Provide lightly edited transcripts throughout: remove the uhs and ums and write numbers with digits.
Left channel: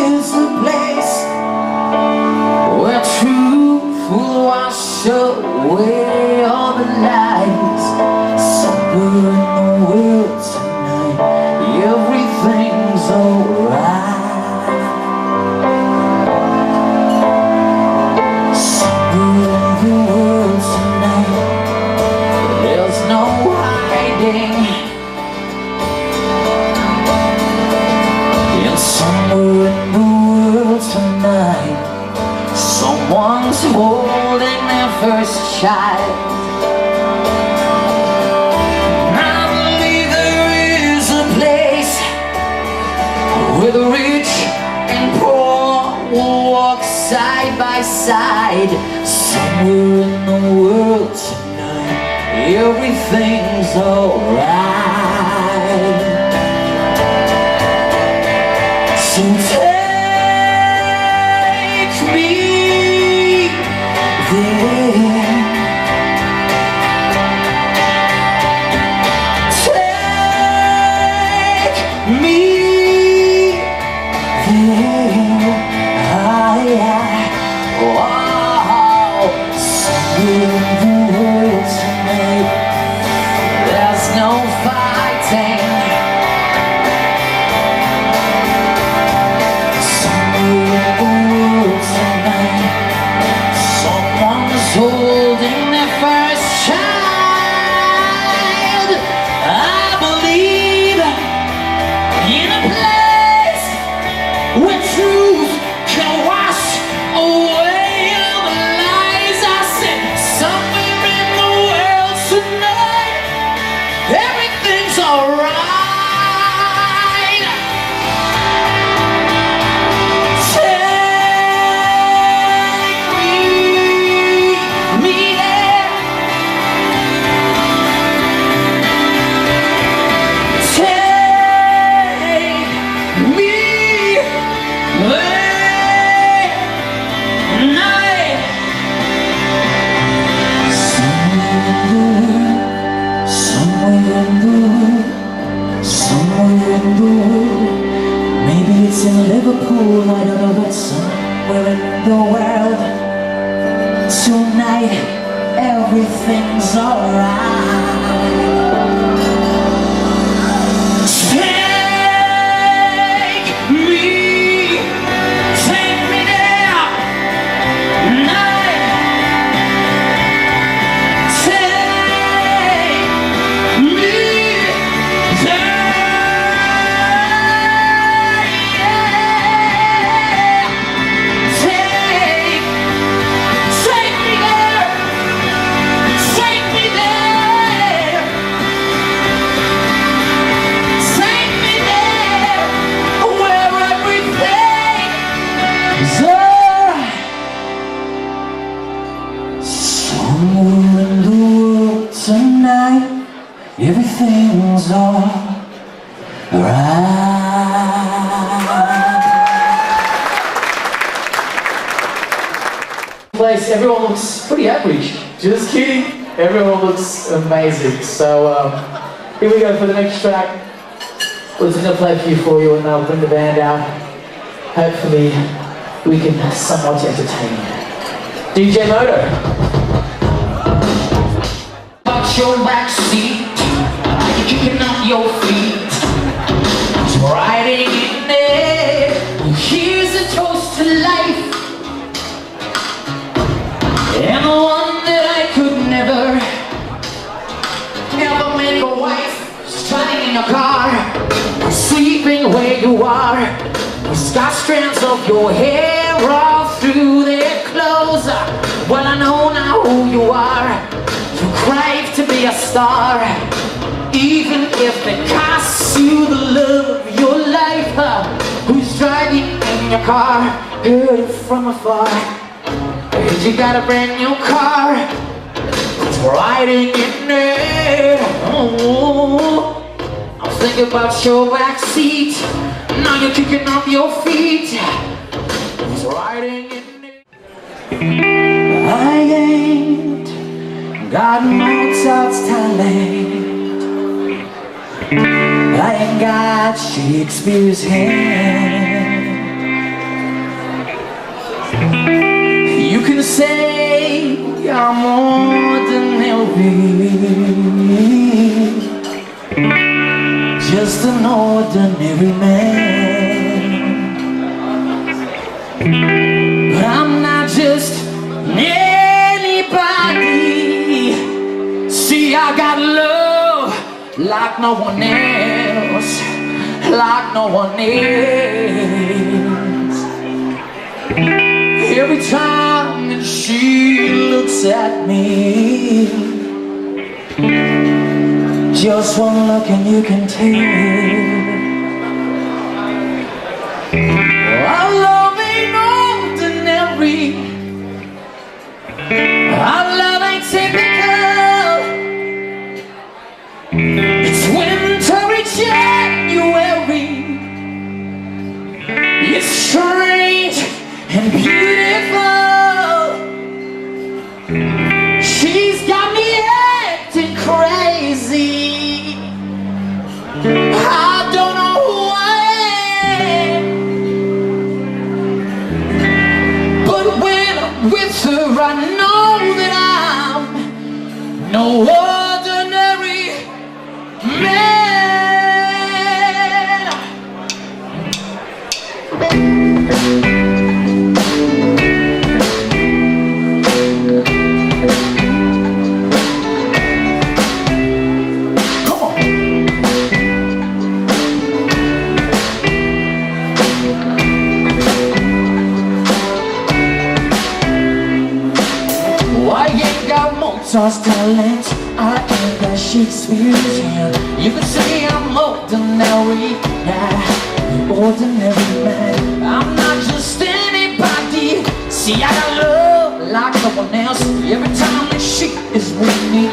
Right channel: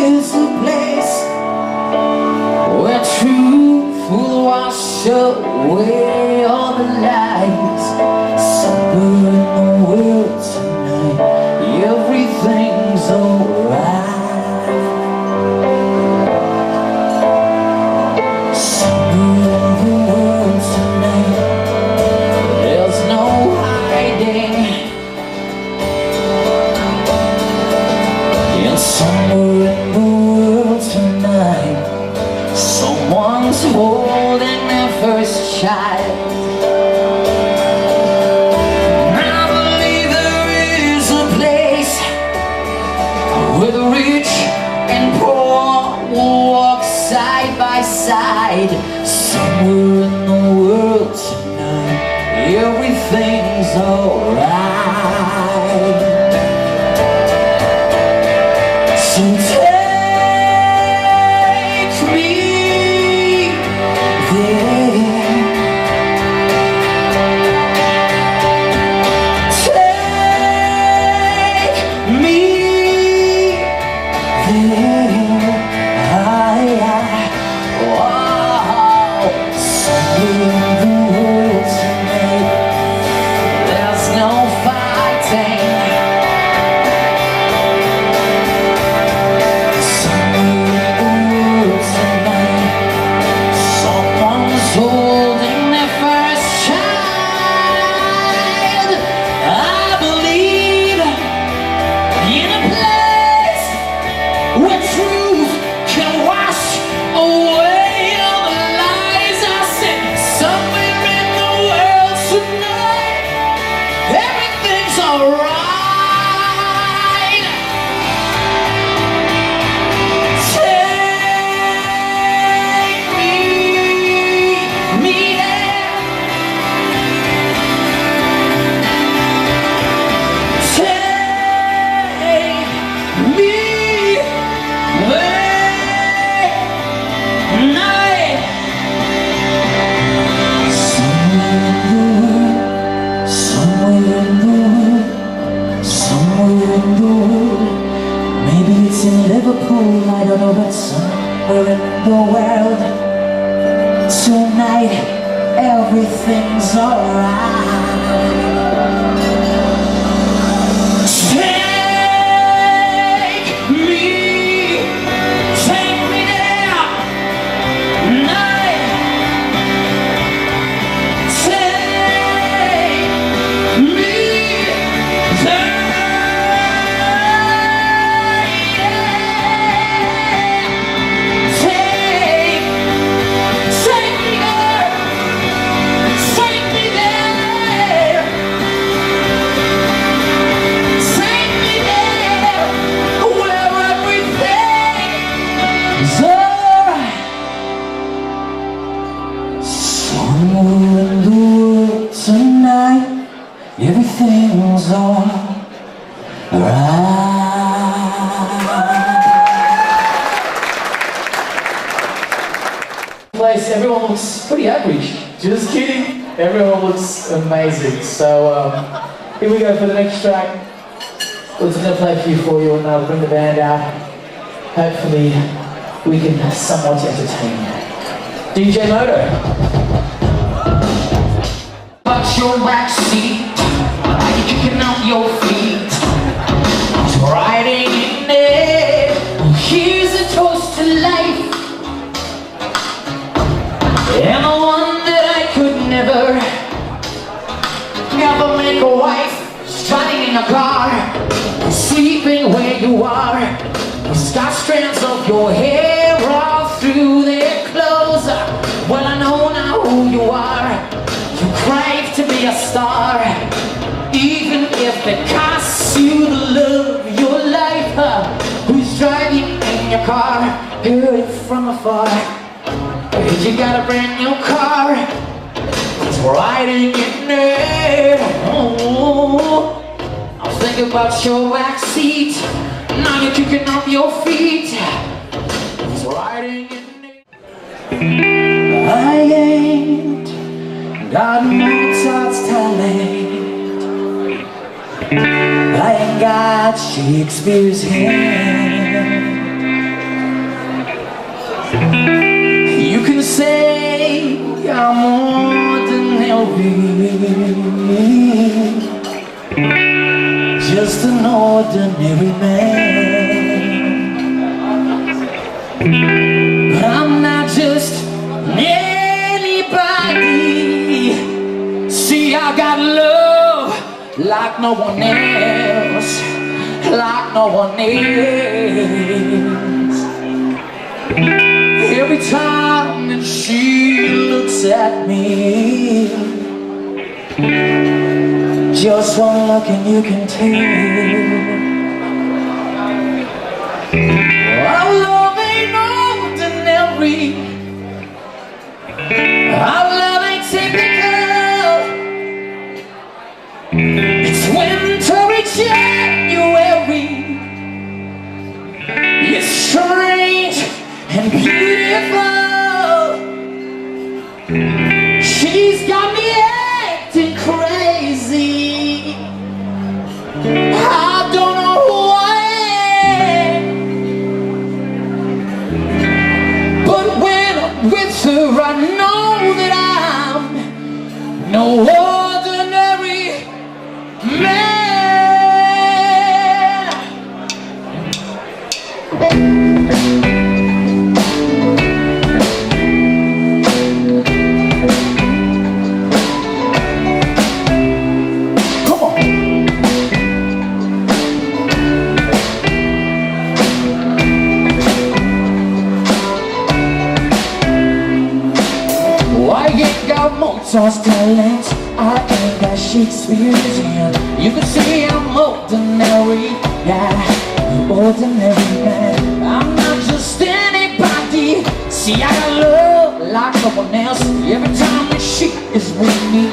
is a place where truth will wash away all the lies. Somewhere in the world tonight, everything's alright. Someone's holding their first child. I believe there is a place where the rich and poor will walk side by side. Somewhere in the world tonight, everything's alright. So in Liverpool, I don't know, but somewhere in the world tonight, everything's alright. Take me there, night. Take me there. Somewhere in the world tonight, everything's alright. Place, everyone looks pretty average. Just kidding. Everyone looks amazing. So here we go for the next track. We're just going to play a few for you and I'll bring the band out. Hopefully we can somewhat entertain you. DJ Moto. Your back seat, you're kicking up your feet, riding in there. Here's a toast to life, and the one that I could never make a wife. Strutting in a car, sleeping where you are. He's got strands of your hair all through their clothes. Well, I know now who you are. You crave to be a star, even if it costs you the love of your life. Who's driving in your car? Heard it from afar. Heard you got a brand new car. Who's riding in it? Oh, I was thinking about your backseat. Now you're kicking up your feet. Who's riding in it? I ain't got Mozart's talent, I ain't got Shakespeare's hand. You can say I'm ordinary, just an ordinary man. But I'm not just anybody. See, I got love like no one else, like no one else. Every time that she looks at me, just one look and you can tell our love ain't ordinary, our love ain't typical. It's wintry January, it's strange and beautiful. She's got me acting crazy. I don't know who I am, but when I'm with her I know that I'm no ordinary man. Mozart's talent, I ain't got Shakespeare's hand. You can say I'm ordinary, yeah, ordinary man. I'm not just anybody. See, I got love like no one else. Every time that she is with me,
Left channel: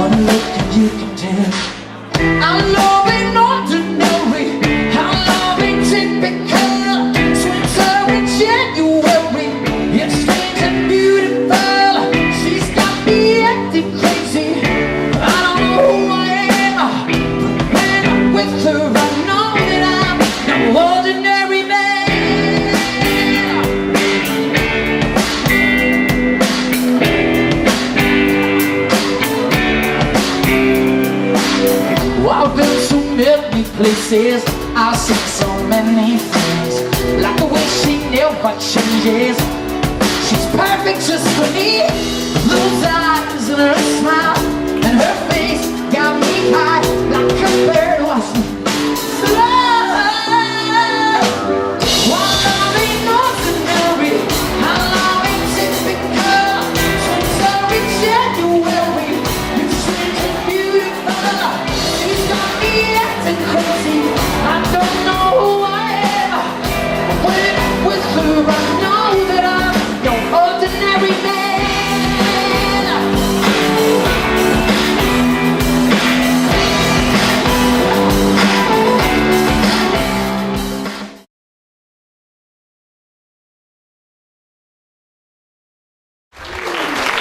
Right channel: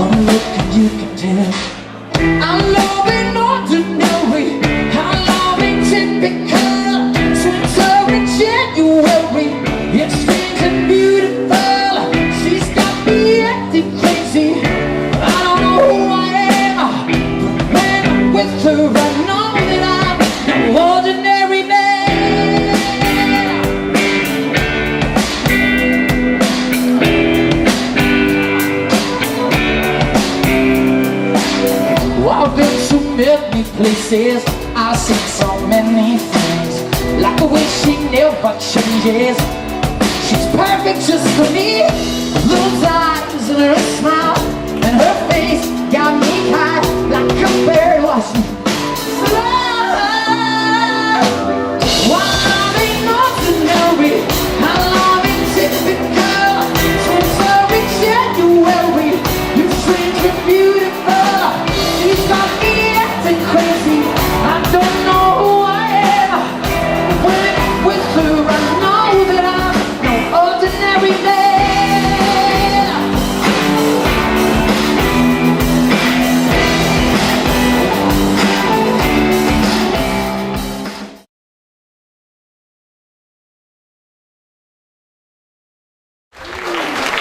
one look and you can tell I'm loving ordinary, I'm loving typical. Winter in January, it's strange and beautiful. Crazy, I don't know who I am, but when I'm with her I know that I'm no ordinary man. Well, I've been to many places, I've seen so many things, like the way she never changes. She's perfect just for me. Those eyes and her smile and her face got me high like a bird was flying. While I'm being ordinary, I'm loving typical. Winter in January, you're strange and beautiful. She's got me acting crazy. I don't know who I am. When I'm with her, I know that I'm no ordinary man.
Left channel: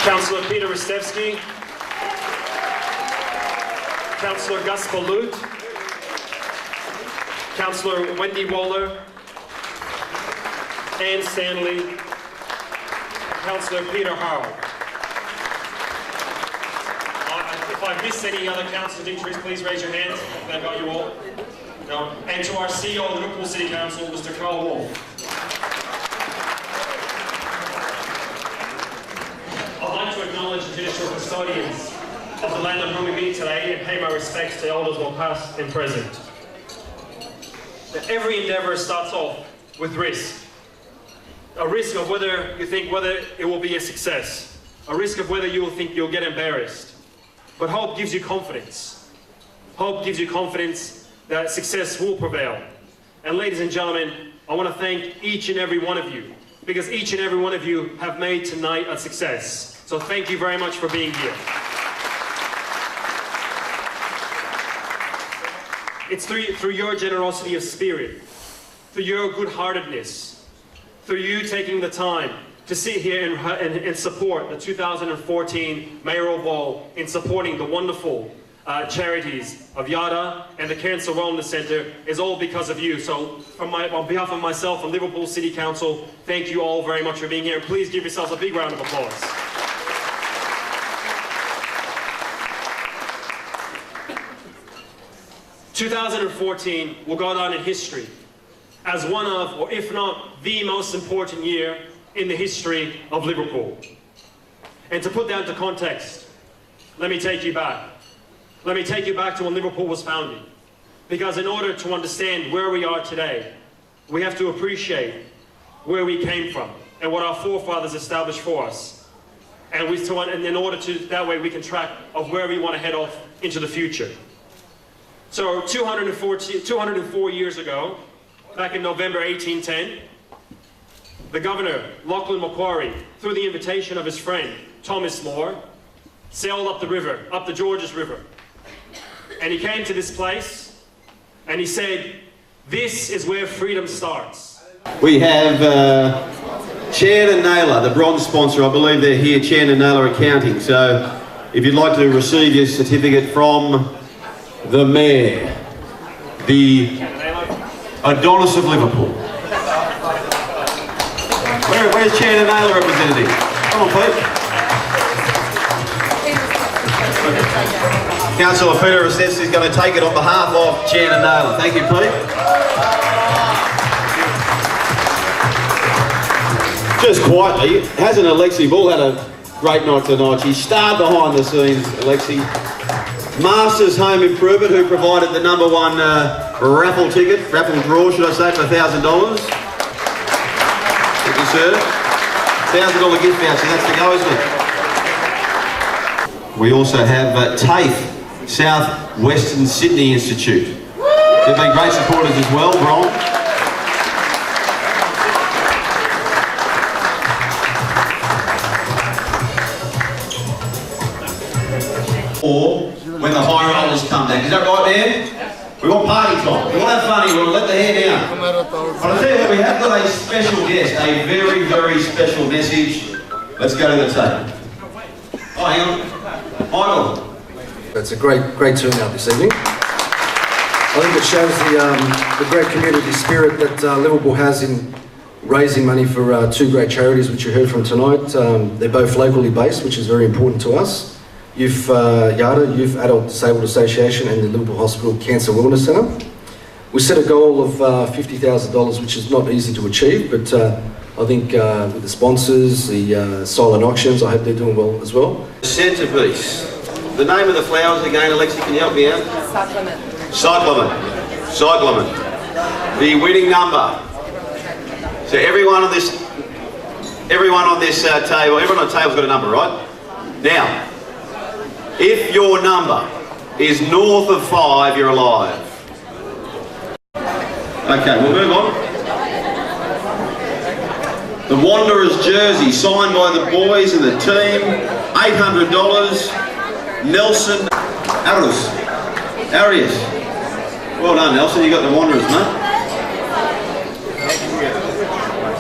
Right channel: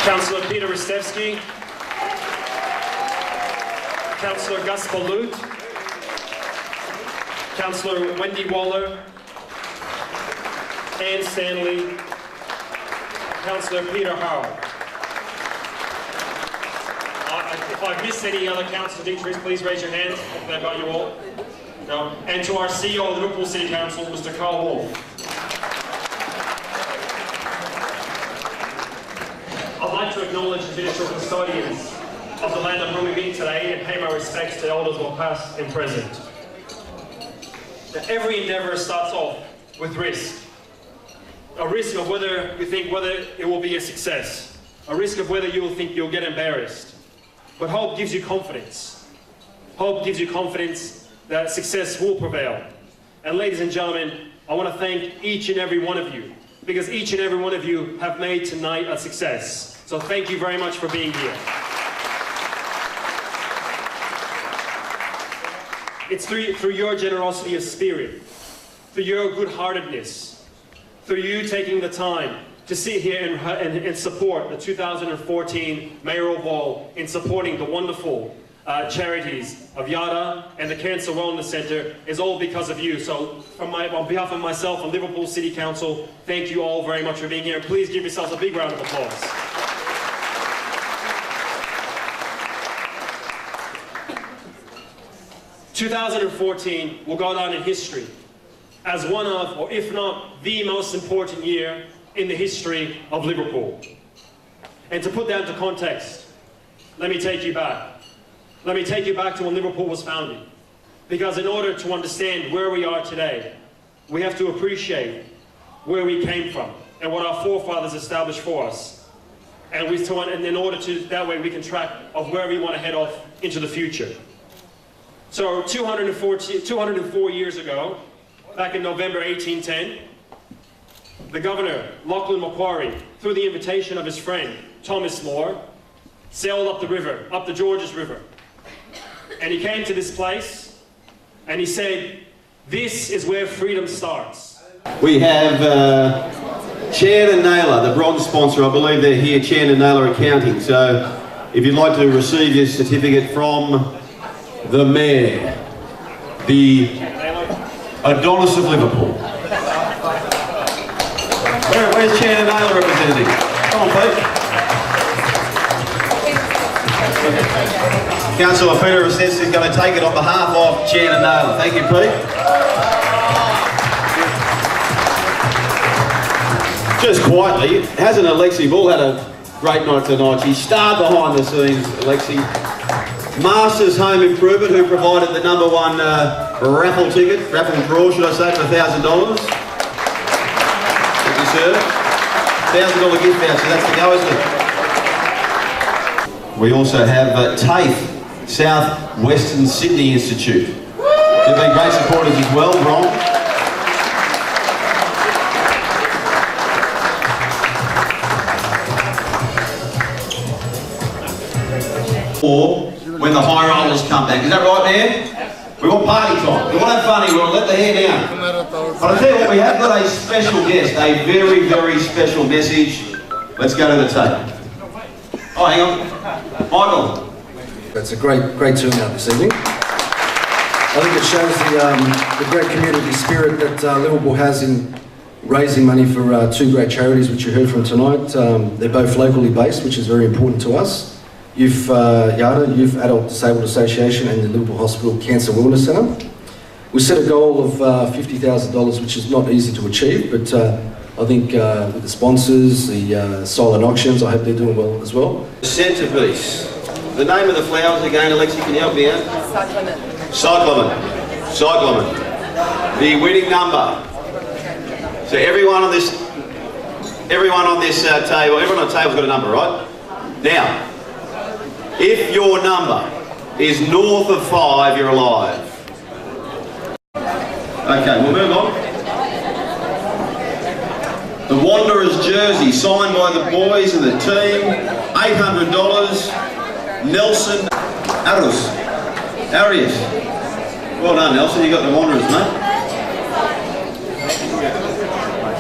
Councillor Peter Ristevski, Councillor Gus Balut, Councillor Wendy Waller, Anne Stanley, Councillor Peter Howard. If I've missed any other councillors of interest, please raise your hands. Have I got you all? No. And to our CEO of the Liverpool City Council, Mr. Carl Wolfe. I'd like to acknowledge the traditional custodians of the land on whom we meet today and pay my respects to elders both past and present. Now, every endeavour starts off with risk. A risk of whether you think whether it will be a success. A risk of whether you will think you'll get embarrassed. But hope gives you confidence. Hope gives you confidence that success will prevail. And ladies and gentlemen, I want to thank each and every one of you, because each and every one of you have made tonight a success. So thank you very much for being here. It's through your generosity of spirit, through your good-heartedness, through you taking the time to sit here and support the 2014 mayoral ball, in supporting the wonderful charities of Yada and the Cancer Wellness Centre is all because of you. So on behalf of myself and Liverpool City Council, thank you all very much for being here. Please give yourselves a big round of applause. "2014 will go down in history as one of, or if not the most important year in the history of Liverpool. And to put that into context, let me take you back. Let me take you back to when Liverpool was founded. Because in order to understand where we are today, we have to appreciate where we came from and what our forefathers established for us. And in order to, that way we can track of where we want to head off into the future. So 204 years ago, back in November 1810, the governor, Lachlan Macquarie, through the invitation of his friend, Thomas More, sailed up the river, up the Georges River. And he came to this place and he said, "This is where freedom starts." We have Chan and Naylor, the bronze sponsor. I believe they're here, Chan and Naylor Accounting. So if you'd like to receive your certificate from the Mayor, the Adonis of Liverpool. Where's Chan and Naylor representative? Come on, Pete. Councillor Peter Assess is going to take it on behalf of Chan and Naylor. Thank you, Pete. Just quietly, hasn't Alexi Bull had a great night tonight? She starred behind the scenes, Alexi. Masters Home Improvement, who provided the #1 raffle ticket, raffle draw, should I say, for $1,000. Thank you, sir. $1,000 gift voucher, that's to go, isn't it? We also have TAFE, South Western Sydney Institute. They've been great supporters as well, Bron. Or when the high rollers come back. Is that right, man? We want party time. We want to have fun here. We want to let the hair down. But I tell you what, we have got a special guest, a very, very special message. Let's go to the tape. Oh, hang on. Michael. It's a great turnout this evening. I think it shows the great community spirit that Liverpool has in raising money for two great charities which you heard from tonight. They're both locally based, which is very important to us. YADA, Youth Adult Disabled Association, and the Liverpool Hospital Cancer Wellness Centre. We set a goal of $50,000, which is not easy to achieve, but I think with the sponsors, the silent auctions, I hope they're doing well as well. Centrepiece. The name of the flowers again, Alexi, can you help me out? Cyclamen. Cyclamen. The winning number. So everyone on this table, everyone on the table's got a number, right? Now, if your number is north of 5, you're alive. Okay, we'll move on. The Wanderers jersey, signed by the boys and the team, $800. Nelson Arias. Well done, Nelson, you got the Wanderers, mate.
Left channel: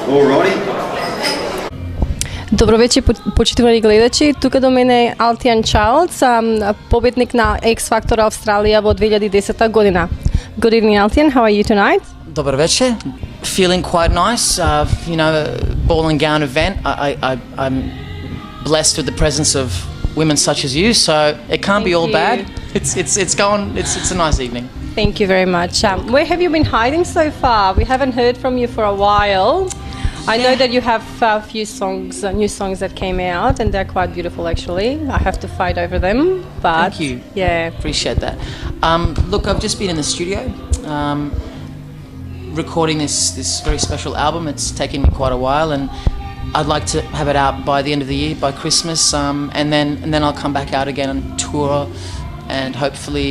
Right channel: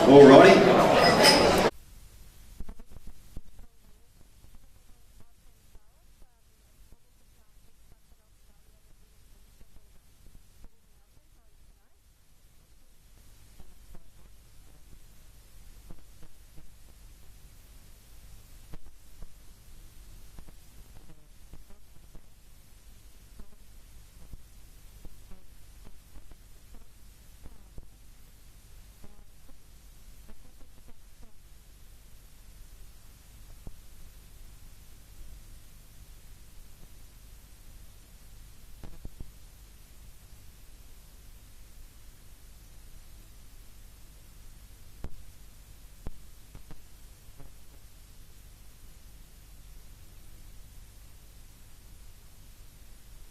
Alrighty. Dobro večer, почитувани гледачи. Тука до мене е Altian Charles, победник на X Factor Австралија во 2010 година. Good evening, Altian. How are you tonight? Добър вечер. Feeling quite nice. You know, ball and gown event. I'm blessed with the presence of women such as you, so it can't be all bad. It's a nice evening. Thank you very much. Where have you been hiding so far? We haven't heard from you for a while. I know that you have a few songs, new songs that came out, and they're quite beautiful actually. I have to fight over them, but thank you. Yeah, appreciate that. Look, I've just been in the studio recording this very special album. It's taken me quite a while, and I'd like to have it out by the end of the year, by Christmas, and then I'll come back out again on tour, and hopefully,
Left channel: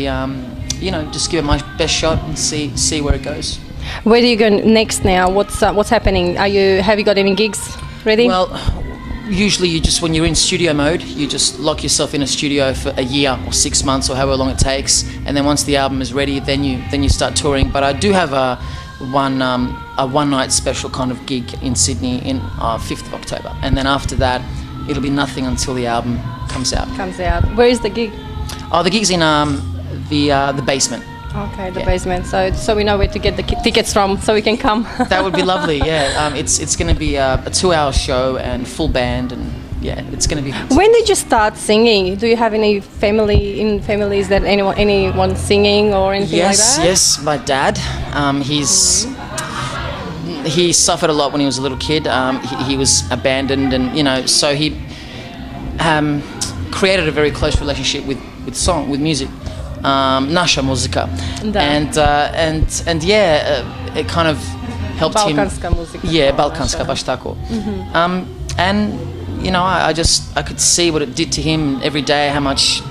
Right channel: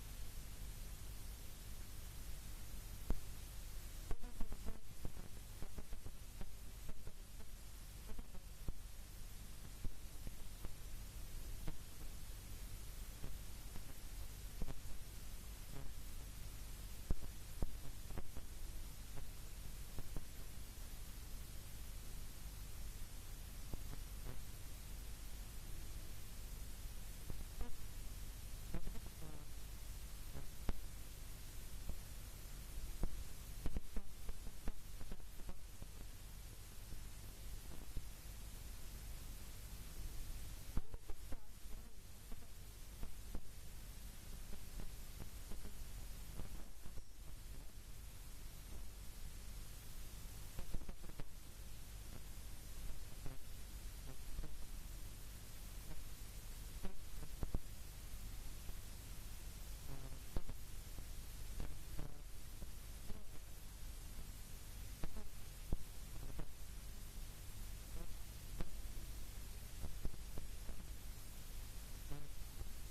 you know, just give it my best shot and see where it goes. Where do you go next now? What's happening? Have you got any gigs ready? Well, usually when you're in studio mode, you just lock yourself in a studio for a year or 6 months or however long it takes, and then once the album is ready, then you start touring. But I do have a one night special kind of gig in Sydney in 5th of October, and then after that it'll be nothing until the album comes out. Where is the gig? Oh, the gig's in the basement. Okay, the Yeah. basement. So we know where to get the tickets from, so we can come. That would be lovely. Yeah, it's going to be a 2-hour show and full band, and yeah, it's going to be. When did you start singing? Do you have any families that anyone singing or anything like that? Yes, my dad. He suffered a lot when he was a little kid. He was abandoned, and so he created a very close relationship with music. Naša muzika. Da. And yeah, it kind of helped him. Balkanska muzika. Yeah, balkanska, baš tako. And I could see what it did to him every day, how much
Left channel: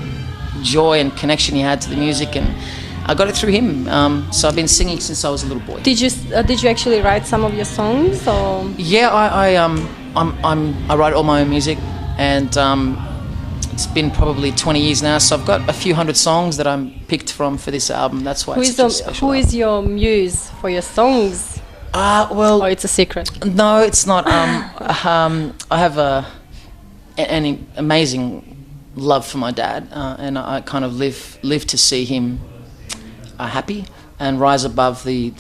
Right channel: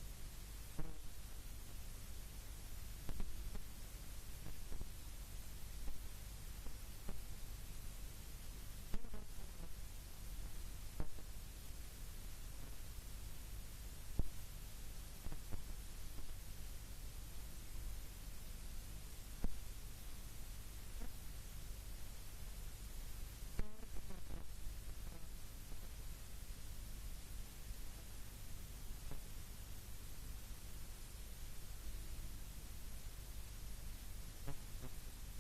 joy and connection he had to the music, and I got it through him. So I've been singing since I was a little boy. Did you actually write some of your songs, or? Yeah, I write all my own music, and it's been probably 20 years now, so I've got a few hundred songs that I'm picked from for this album. That's why it's such a special Who album. is your muse for your songs? Well, Or it's a secret? no, it's not. I have an amazing love for my dad, and I kind of live to see him happy and rise above the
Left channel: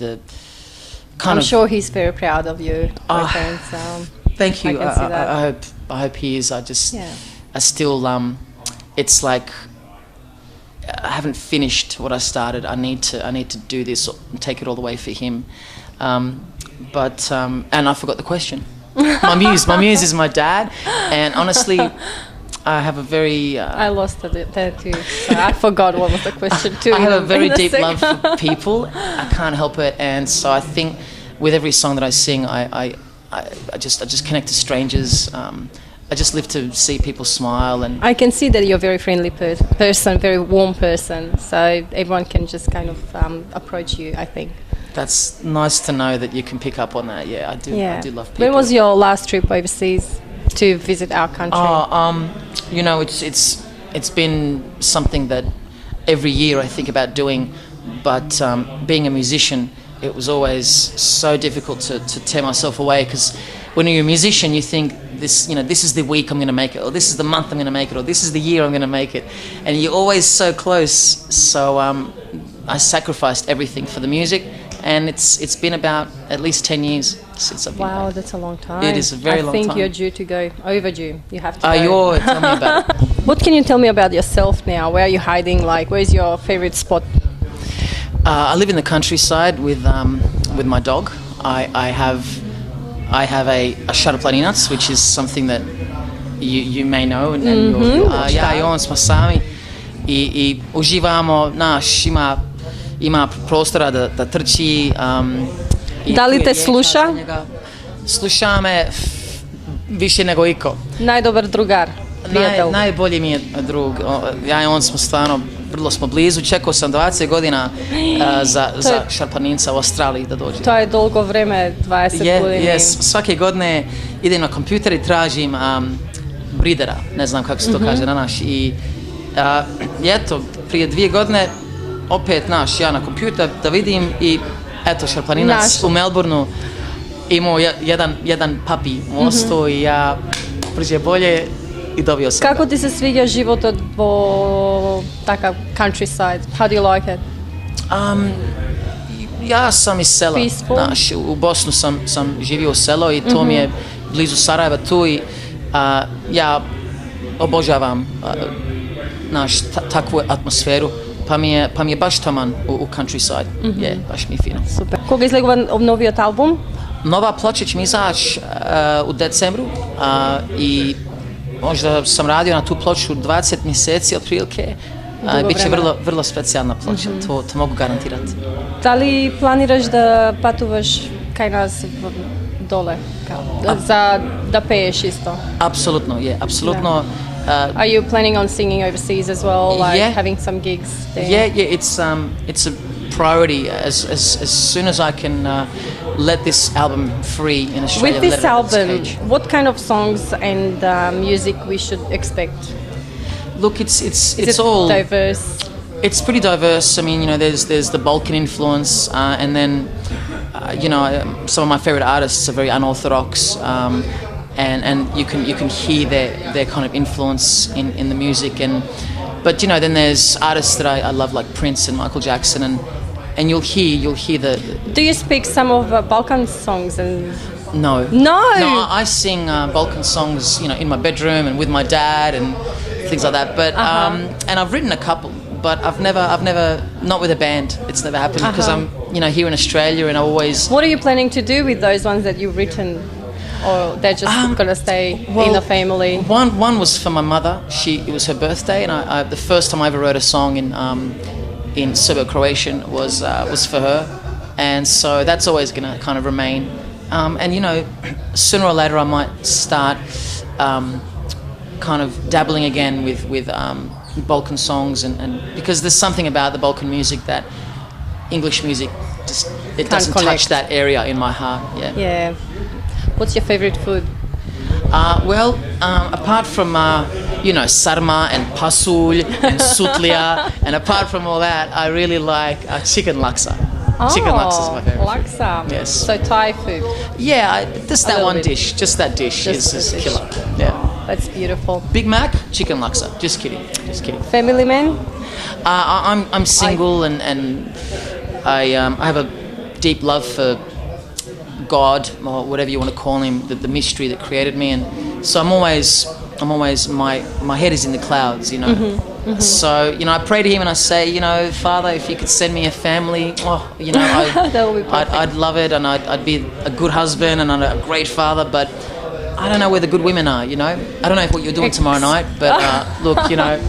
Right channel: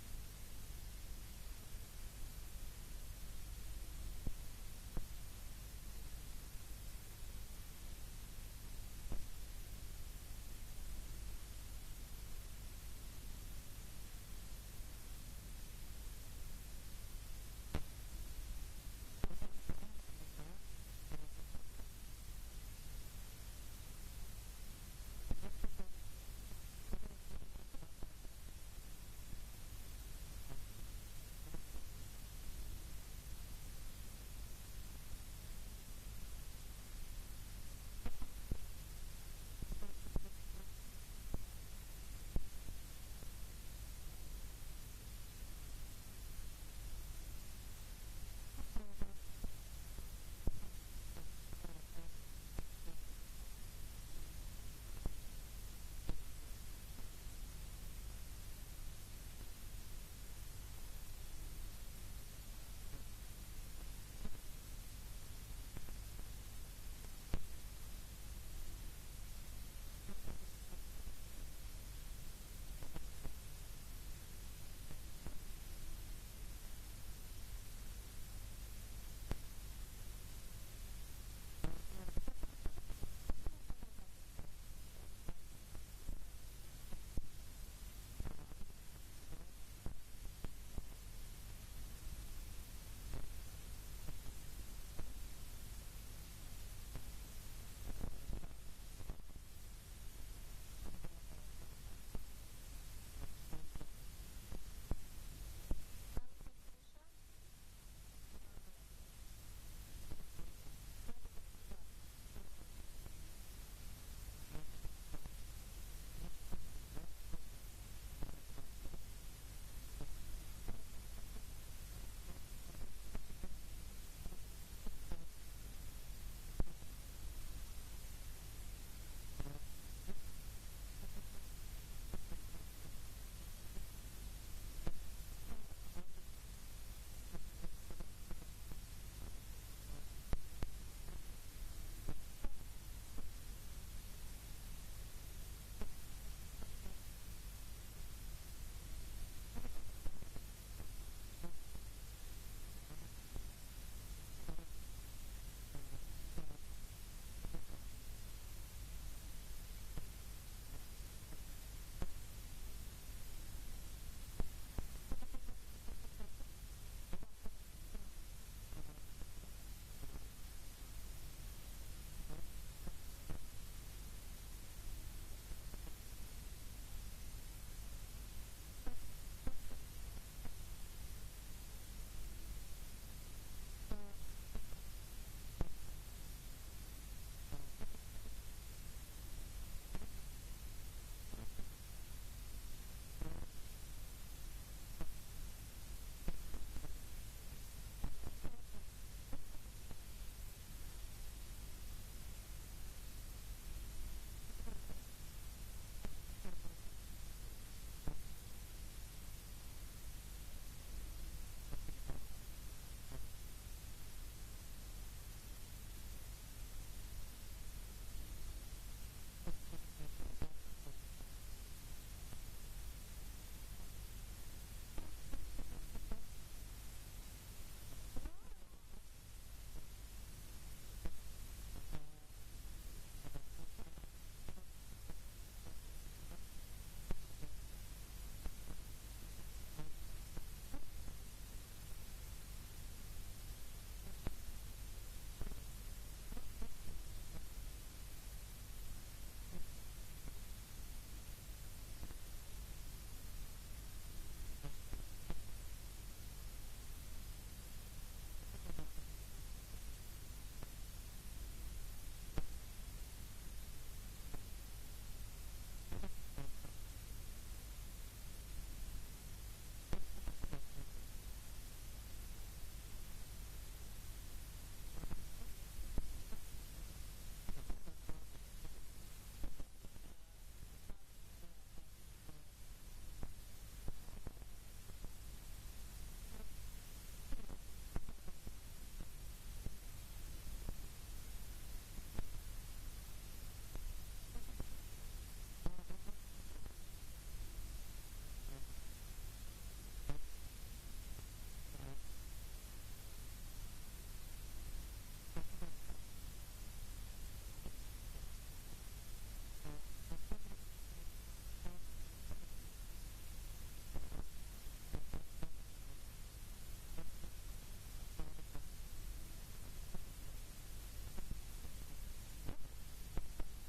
kind I'm of. sure he's very proud of you. Oh, Thank you. I can see that. I hope he is. Yeah. I still. It's like I haven't finished what I started. I need to do this and take it all the way for him. And I forgot the question. My muse is my dad, and honestly, I have a very. I lost it there too. So I forgot what was the question too. I have a very in a deep sec. love for people. I can't help it, and so I think with every song that I sing, I just connect to strangers. I just live to see people smile, and I can see that you're a very friendly person, very warm person. So everyone can just kind of approach you, I think. that's nice to know that you can pick up on that. Yeah, I do. Yeah. I do love people. When was your last trip overseas to visit our country? It's been something that every year I think about doing, but being a musician, it was always so difficult to tear myself away, because when you're a musician, you think this is the week I'm going to make it, or this is the month I'm going to make it, or this is the year I'm going to make it, and you're always so close. So I sacrificed everything for the music, and it's been about at least 10 years since I've been Wow, back. that's a long time. It is a very long time. I think you're due to go, overdue. You have to Tell go. me about it. What can you tell me about yourself now? Where are you hiding? Like, where's your favorite spot? I live in the countryside with my dog. I have a šarplaninac, which is something that you may know. Ja i on smo sami i uživamo. Ima prostora da trči. Da li te sluša? Sluša me više nego iko. Najdobar drugar, prijatelj. Najbolji mi je drug. Ja i on smo stvarno, vrlo smo blizu. Čekao sam 20 godina za šarplaninca u Australiji da dođe. To je dolgo vreme, 20 godina. Yes. Svake godine idem na kompjuter i tražim bridera, ne znam kako se to kaže na naš. I eto, prije 2 godine opet ja na kompjuter da vidim i eto, šarplaninac u Melbourneu imao jedan papi mosto i ja brže bolje i dobio sam. Kako ti se sviđa život takav countryside? How do you like it? Ja sam iz sela. Peaceful? U Bosnu sam živio u selo i to mi je blizu Sarajeva tu i ja obožavam takvu atmosferu. Pa mi je baš taman u countryside. Je, baš mi je fino. Super. Koga izgleda obnovio album? Nova ploča će mi izaći u decembru i možda sam radio na tu ploču 20 mjeseci otprilike. Biće vrlo specijalna ploča, to mogu garantirati. Da li planiraš da patuvaš kaj nas dole? Da peješ isto? Apsolutno, je, apsolutno. Are you planning on singing overseas as well, like having some gigs there? Yeah, it's a priority as soon as I can let this album free in Australia. With this album, what kind of songs and music we should expect? Look, it's all diverse. It's pretty diverse. I mean, there's the Balkan influence, and then some of my favorite artists are very unorthodox. And you can hear their kind of influence in the music, and But you know, then there's artists that I love like Prince and Michael Jackson, and you'll hear the. Do you speak some of Balkan songs and? No. No. I sing Balkan songs, you know, in my bedroom and with my dad and things like that. But and I've written a couple, but I've never not with a band. It's never happened because I'm, you know, here in Australia, and I always. What are you planning to do with those ones that you've written? Or they're just gonna stay in the family? One was for my mother. It was her birthday, and I the first time I ever wrote a song in Serbo-Croatian was for her, and so that's always gonna kind of remain. And you know, sooner or later I might start kind of dabbling again with Balkan songs, and because there's something about the Balkan music that English music just doesn't touch that area in my heart. Yeah. What's your favorite food? Well, apart from you know, sarma and pasulj and sutlia, and apart from all that, I really like chicken laksa. Chicken laksa is my favorite. Laksa. Food. Yes. So Thai food. Yeah, just that one dish. Just that dish is killer. Yeah. That's beautiful. Big Mac, chicken laksa. Just kidding. Family man? I'm single, and I have a deep love for God, or whatever you want to call him, the mystery that created me, and so I'm always my head is in the clouds, you know. So you know, I pray to him and I say, you know, Father, if you could send me a family, you know, that would be perfect. I'd love it, and I'd be a good husband and a great father, but I don't know where the good women are, you know. I don't know what you're doing tomorrow night, but look, you know,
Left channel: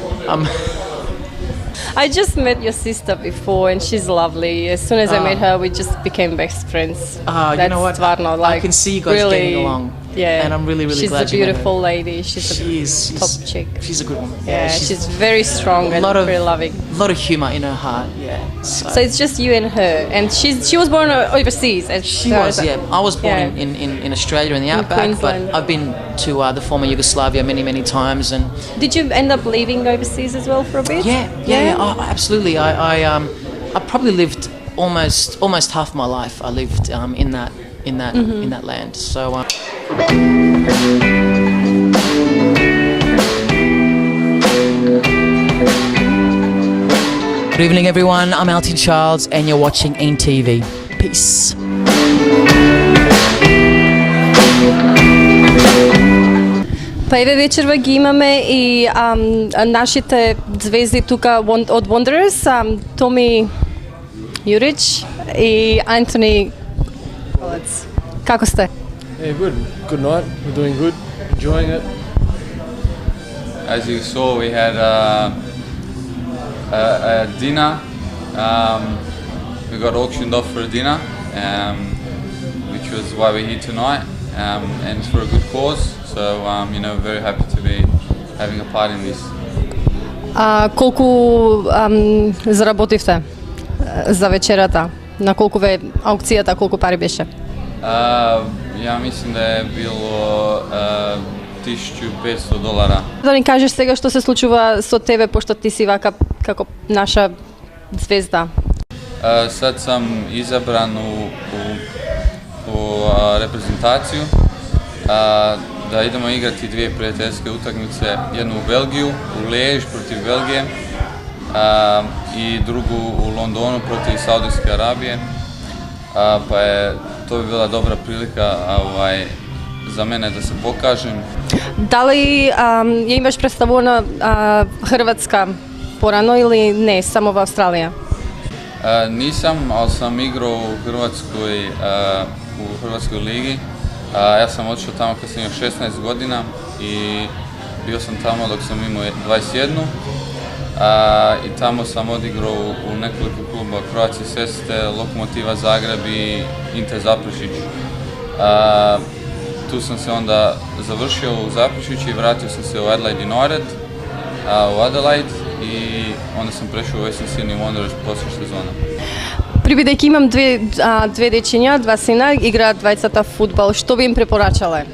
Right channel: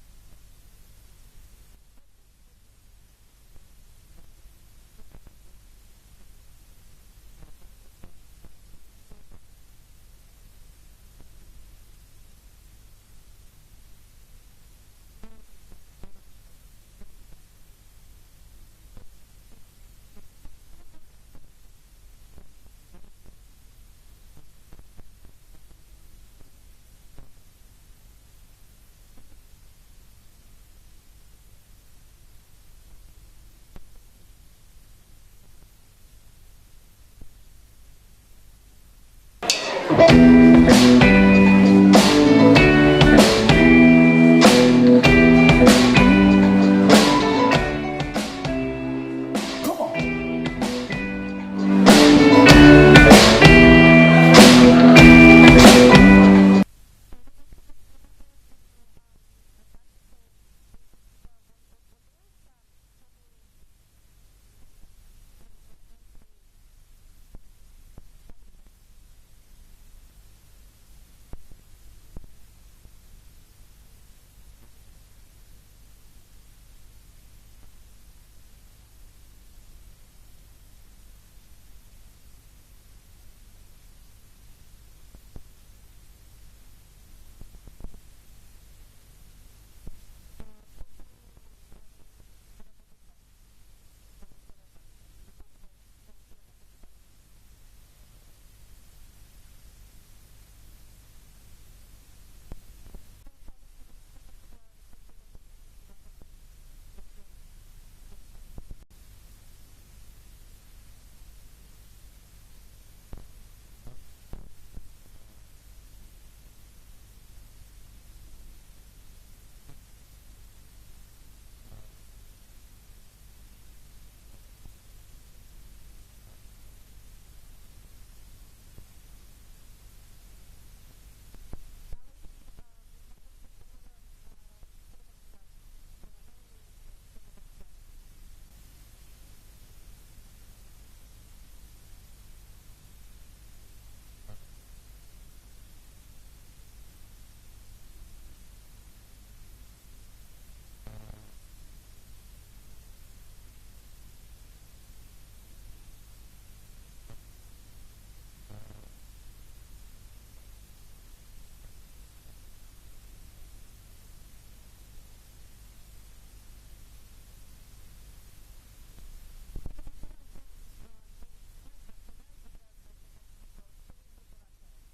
I just met your sister before, and she's lovely. As soon as I met her, we just became best friends. You know what? Stvarno, like, I can see you guys really, getting along. Yeah, and I'm really glad you met her. She's a beautiful lady. She's a top chick. She's a good woman. Yeah, she's very strong and very loving. A lot of humour in her heart. Yeah. So it's just you and her, and she was born overseas. She was. Yeah, I was born in Australia in the outback, but I've been to the former Yugoslavia many times. And did you end up leaving overseas as well for a bit? Yeah. Oh, absolutely. I probably lived almost half my life. I lived in that land. So. Good evening, everyone. I'm Alti Charles, and you're watching NTV. Peace. Па еве вечерва ги имаме и нашите звезди тука од Wanderers, Томи Јурич и Антони. Како сте? Yeah, good. Good night. We're doing good. Enjoying it. As you saw, we had a dinner. We got auctioned off for a dinner, which was why we're here tonight, and it's for a good cause. So, you know, very happy to be having a part in this. Колку заработивте за вечерата? На колку ве аукцијата, колку пари беше? Ja mislim da je bilo $1,500. Да ни кажеш сега што се случува со тебе, пошто ти си вака како наша звезда? Sad sam izabran u reprezentaciju, da idemo igrati dvije prijateljske utakmice, jednu u Belgiju, u Liège protiv Belgije i drugu u Londonu protiv Saudijske Arabije, pa je to bi bila dobra prilika za mene da se pokažem. Da li je imaš predstavljena Hrvatska porano ili ne, samo v Australija? Nisam, ali sam igrao u Hrvatskoj ligi. Ja sam otišao tamo kad sam imao 16 godina i bio sam tamo dok sam imao 21. I tamo sam odigrao u nekoliko kluba, Croatia Seste, Lokomotiva Zagreb i Inter Zaprešić. Tu sam se onda završio u Zaprešiću i vratio sam se u Adelaide United, u Adelaide, i onda sam prešao u Western Sydney Wanderers poslije sezona. Прибидејќи имам две дечиња, два сина, играат двајцата фудбал, што би им препорачале?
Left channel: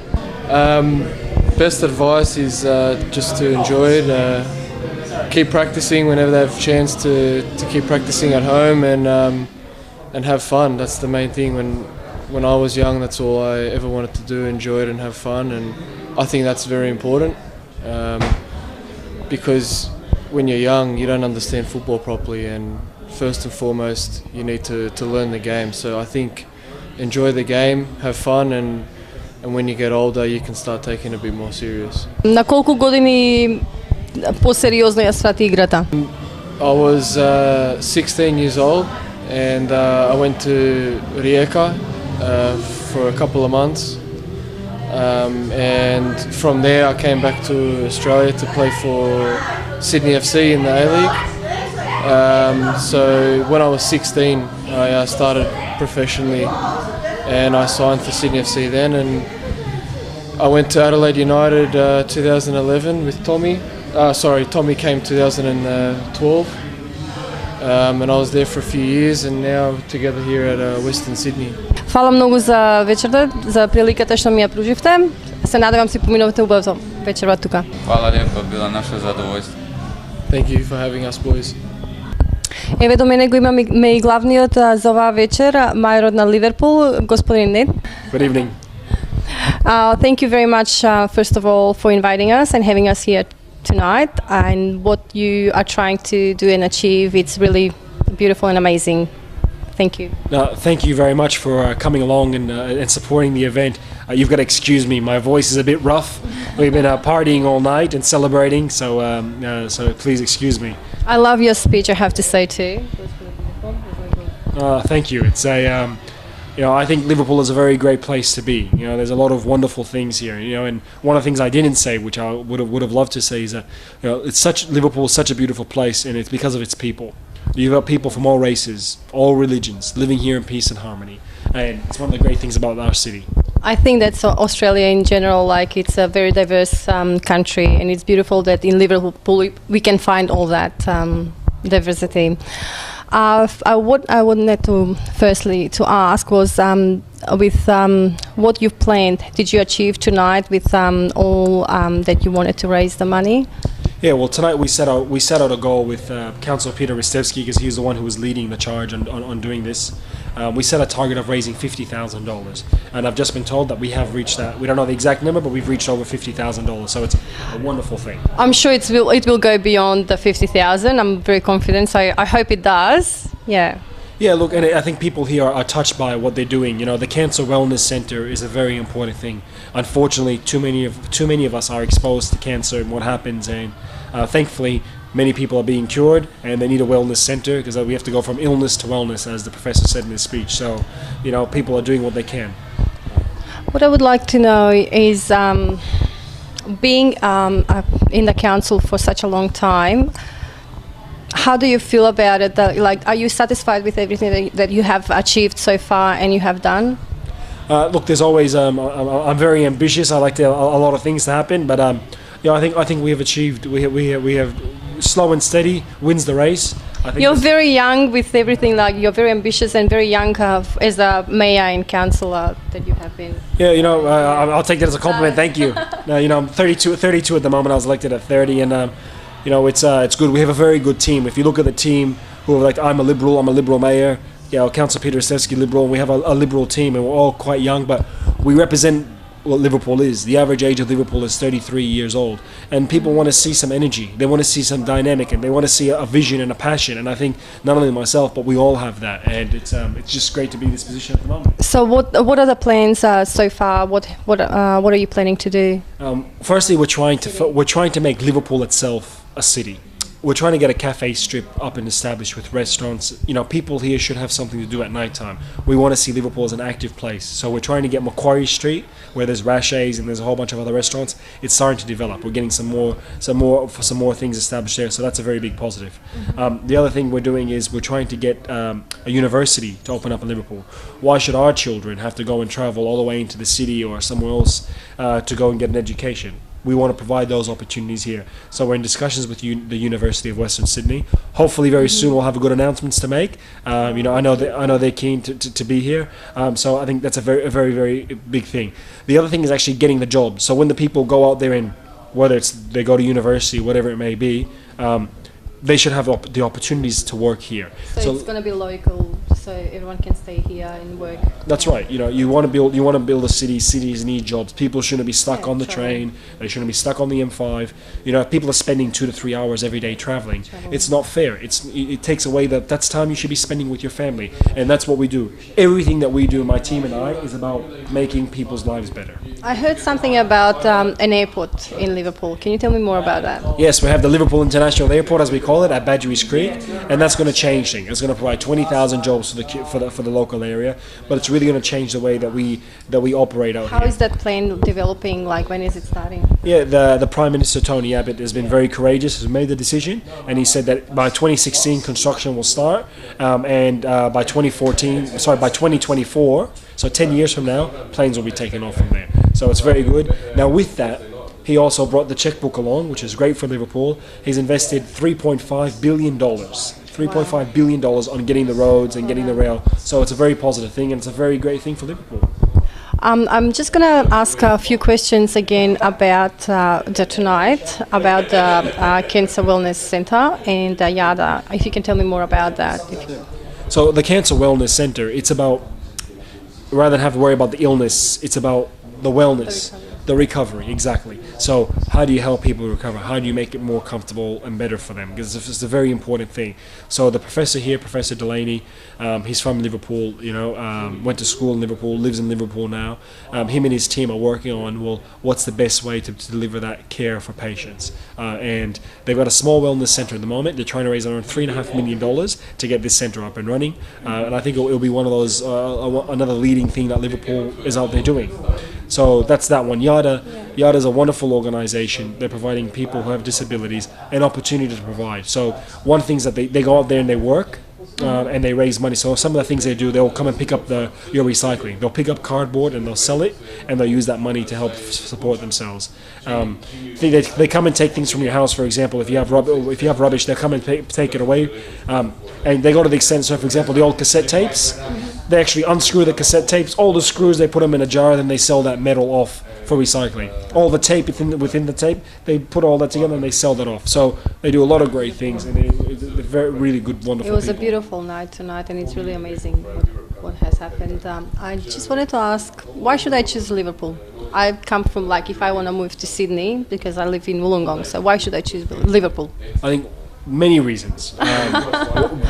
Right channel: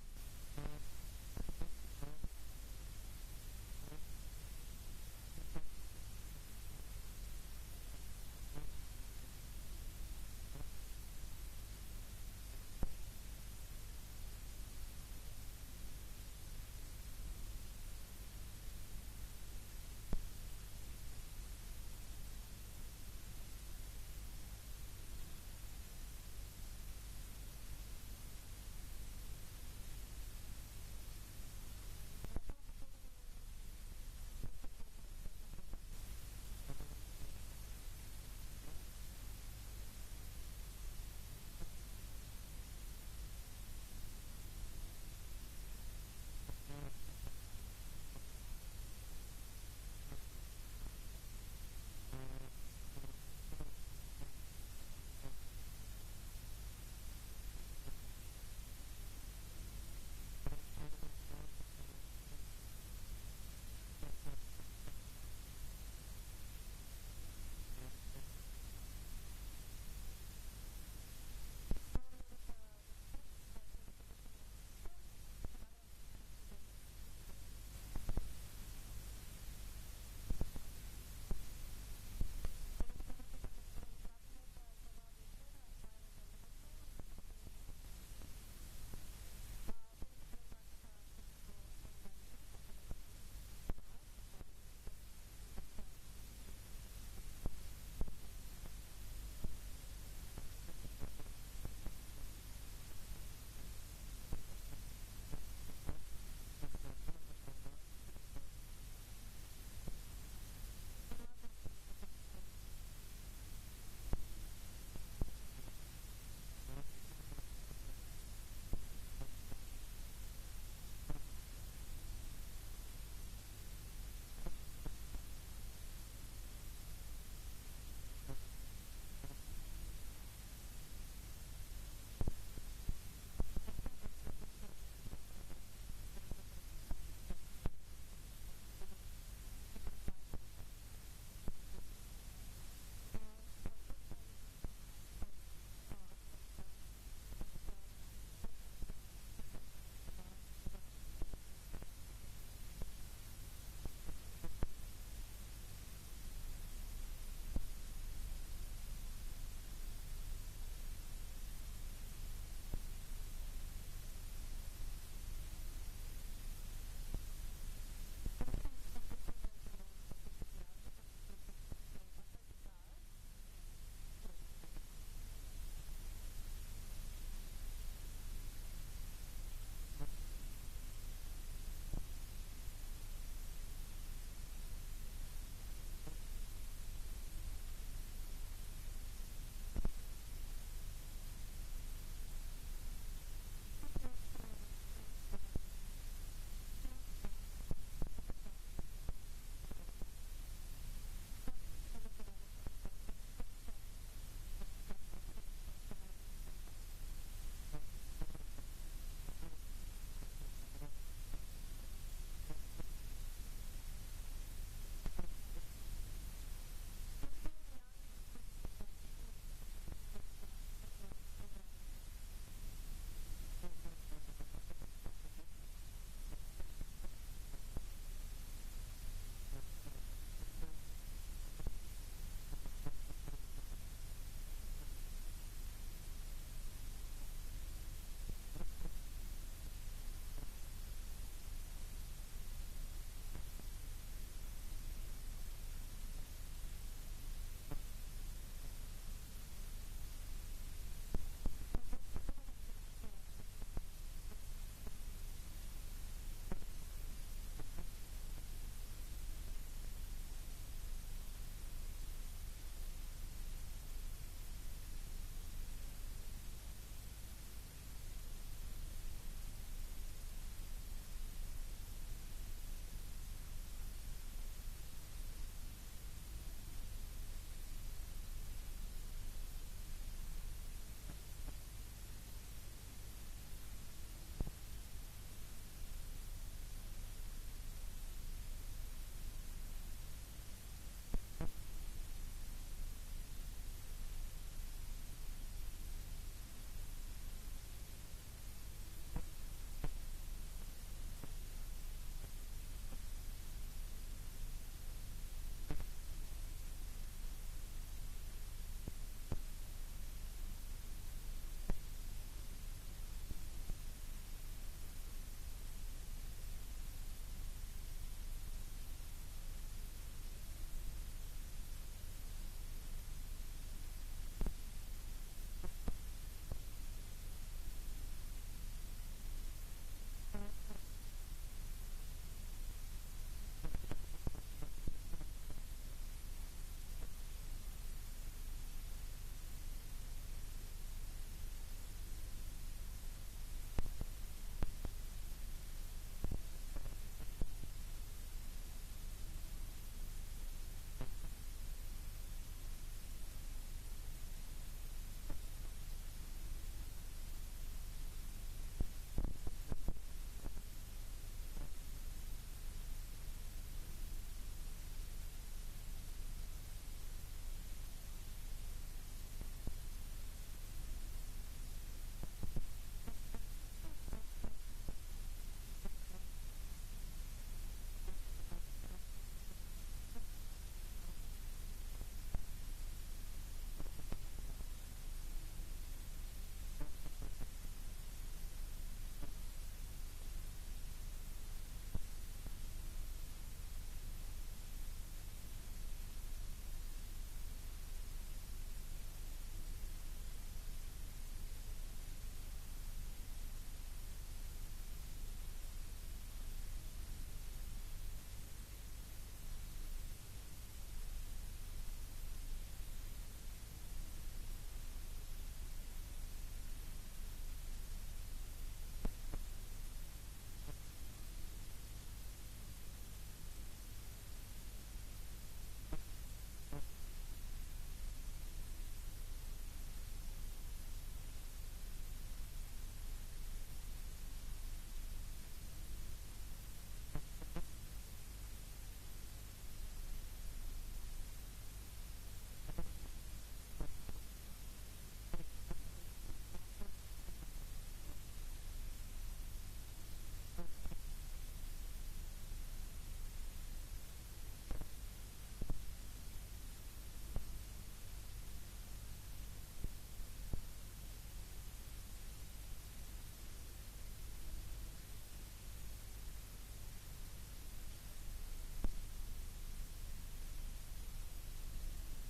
Best advice is just to enjoy it. Keep practicing whenever they have a chance to keep practicing at home and have fun. That's the main thing. When I was young, that's all I ever wanted to do, enjoy it and have fun, and I think that's very important because when you're young, you don't understand football properly, and first and foremost, you need to learn the game. So I think enjoy the game, have fun, and when you get older, you can start taking it a bit more serious. На колку години по-сериозно ја свати играта? I was 16 years old, and I went to Rijeka for a couple of months. And from there I came back to Australia to play for Sydney FC in the A-League. So when I was 16 I started professionally, and I signed for Sydney FC then, and I went to Adelaide United 2011 with Tommy. Tommy came 2012. And I was there for a few years, and now together here at Western Sydney. Фала многу за вечерта, за приликата што ми ја пруживте. Се надевам си поминувате убаво вечерва тука. Hvala lijepo, bilo naše zadovoljstvo. Thank you for having us, boys. Еве до мене го имаме и главниот за оваа вечер, мајорот на Ливерпул, господин Нед. Good evening. Thank you very much, first of all, for inviting us and having us here tonight, and what you are trying to do and achieve. It's really beautiful and amazing. Thank you. Thank you very much for coming along and supporting the event. You've got to excuse me, my voice is a bit rough. We've been partying all night and celebrating, so please excuse me. I love your speech, I have to say too. Thank you. It's I think Liverpool is a very great place to be. There's a lot of wonderful things here. And one of the things I didn't say, which I would have loved to say, is that Liverpool is such a beautiful place, and it's because of its people. You've got people from all races, all religions, living here in peace and harmony, and it's one of the great things about our city. I think that's Australia in general. Like, it's a very diverse country, and it's beautiful that in Liverpool we can find all that diversity. What I wanted to firstly to ask was, with what you've planned, did you achieve tonight with all that you wanted to raise the money? Yeah, well, tonight we set out a goal with Councillor Peter Ristevski, because he was the one who was leading the charge on doing this. We set a target of raising $50,000, and I've just been told that we have reached that. We don't know the exact number, but we've reached over $50,000, so it's a wonderful thing. I'm sure it will go beyond the 50,000. I'm very confident, so I hope it does. Yeah. Yeah, look, and I think people here are touched by what they're doing. The Cancer Wellness Centre is a very important thing. Unfortunately, too many of us are exposed to cancer and what happens, and thankfully, many people are being cured, and they need a wellness centre, because we have to go from illness to wellness, as the professor said in his speech. So, people are doing what they can. What I would like to know is, being in the council for such a long time, how do you feel about it? Are you satisfied with everything that you have achieved so far and you have done? Look, there's always. I'm very ambitious. I like a lot of things to happen, but I think we have achieved. We have slow and steady wins the race. I think you're very young with everything. Like, you're very ambitious and very young as a mayor and councillor that you have been. Yeah, I'll take that as a compliment. Thank you. I'm 32 at the moment. I was elected at 30, and it's good. We have a very good team. If you look at the team, who are like, I'm a Liberal mayor. Councillor Peter Ristevski, Liberal, and we have a Liberal team, and we're all quite young, but we represent what Liverpool is. The average age of Liverpool is 33 years old, and people want to see some energy, they want to see some dynamic, and they want to see a vision and a passion, and I think not only myself, but we all have that, and it's just great to be in this position at the moment. So what are the plans so far? What are you planning to do? Firstly, we're trying to make Liverpool itself a city. We're trying to get a cafe strip up and established with restaurants. People here should have something to do at night time. We want to see Liverpool as an active place. So we're trying to get Macquarie Street, where there's Rashay's and there's a whole bunch of other restaurants. It's starting to develop. We're getting some more things established there. So that's a very big positive. The other thing we're doing is we're trying to get a university to open up in Liverpool. Why should our children have to go and travel all the way into the city or somewhere else to go and get an education? We want to provide those opportunities here. So we're in discussions with the University of Western Sydney. Hopefully very soon we'll have good announcements to make. I know they're keen to be here. So I think that's a very, very big thing. The other thing is actually getting the job. So when the people go out there, and whether it's they go to university, whatever it may be, they should have the opportunities to work here. So it's going to be local, so everyone can stay here and work. That's right. You know, you want to build a city. Cities need jobs. People shouldn't be stuck on the train. They shouldn't be stuck on the M5. You know, if people are spending 2 to 3 hours every day traveling, it's not fair. It takes away that's time you should be spending with your family, and that's what we do. Everything that we do, my team and I, is about making people's lives better. I heard something about an airport in Liverpool. Can you tell me more about that? Yes, we have the Liverpool International Airport, as we call it, at Badgerys Creek, and that's going to change things. It's going to provide 20,000 jobs for the local area, but it's really going to change the way that we operate out here. How is that plan developing? Like, when is it starting? Yeah, the Prime Minister Tony Abbott has been very courageous, has made the decision, and he said that by 2016 construction will start, and by 2024, so 10 years from now, planes will be taken off from there. So it's very good. Now with that, he also brought the checkbook along, which is great for Liverpool. He's invested $3.5 billion. $3.5 billion on getting the roads and getting the rail. So it's a very positive thing, and it's a very great thing for Liverpool. I'm just going to ask a few questions again about tonight, about the Cancer Wellness Centre and YADA. If you can tell me more about that. So the Cancer Wellness Centre, it's about, rather than have to worry about the illness, it's about the wellness. The recovery, exactly. So how do you help people recover? How do you make it more comfortable and better for them? Because it's a very important thing. So the professor here, Professor Delaney, he's from Liverpool, you know, went to school in Liverpool, lives in Liverpool now. Him and his team are working on, well, what's the best way to deliver that care for patients? And they've got a small wellness centre at the moment. They're trying to raise around $3.5 million to get this centre up and running. And I think it'll be one of those, another leading thing that Liverpool is out there doing. So that's that one. YADA is a wonderful organisation. They're providing people who have disabilities an opportunity to provide. So one thing is that they go out there and they work and they raise money. So some of the things they do, they'll come and pick up your recycling. They'll pick up cardboard and they'll sell it, and they'll use that money to help support themselves. They come and take things from your house. For example, if you have rubbish, they'll come and take it away. And they go to the extent, so for example, the old cassette tapes, they actually unscrew the cassette tapes, all the screws, they put them in a jar, then they sell that metal off for recycling. All the tape within the tape, they put all that together and they sell that off. So they do a lot of great things, and they're very, really good, wonderful people. It was people. a beautiful night tonight, and it's really amazing what has happened. I just wanted to ask, why should I choose Liverpool? I come from, like, if I want to move to Sydney, because I live in Wollongong, so why should I choose Liverpool? I think many reasons.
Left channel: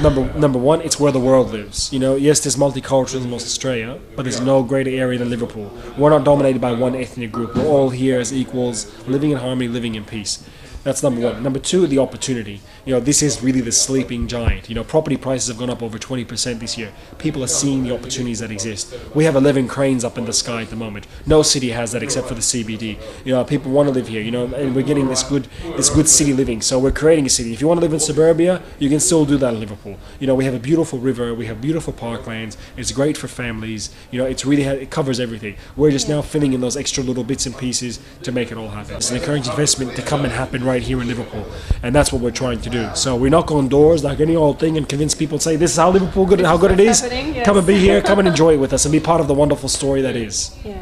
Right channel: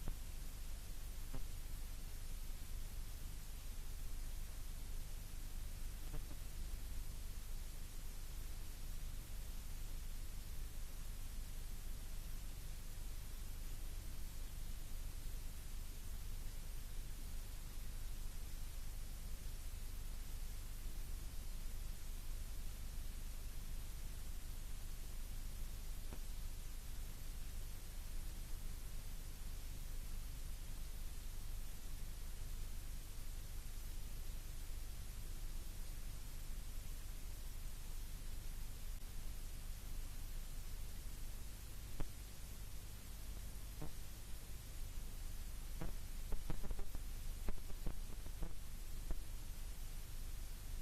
Number one, it's where the world lives. You know, yes, there's multiculturalism in Australia, but there's no greater area than Liverpool. We're not dominated by one ethnic group. We're all here as equals, living in harmony, living in peace. That's number one. Number two, the opportunity. You know, this is really the sleeping giant. You know, property prices have gone up over 20% this year. People are seeing the opportunities that exist. We have 11 cranes up in the sky at the moment. No city has that except for the CBD. You know, people want to live here, you know, and we're getting this good city living. So we're creating a city. If you want to live in suburbia, you can still do that in Liverpool. You know, we have a beautiful river, we have beautiful parklands. It's great for families. You know, it covers everything. We're just now filling in those extra little bits and pieces to make it all happen. It's an encouraging investment to come and happen right here in Liverpool, and that's what we're trying to do. So we knock on doors like any old thing and convince people to say, this is how Liverpool good, how good it is. Yes. Come and be here, come and enjoy it with us and be part of the wonderful story that is. Yeah.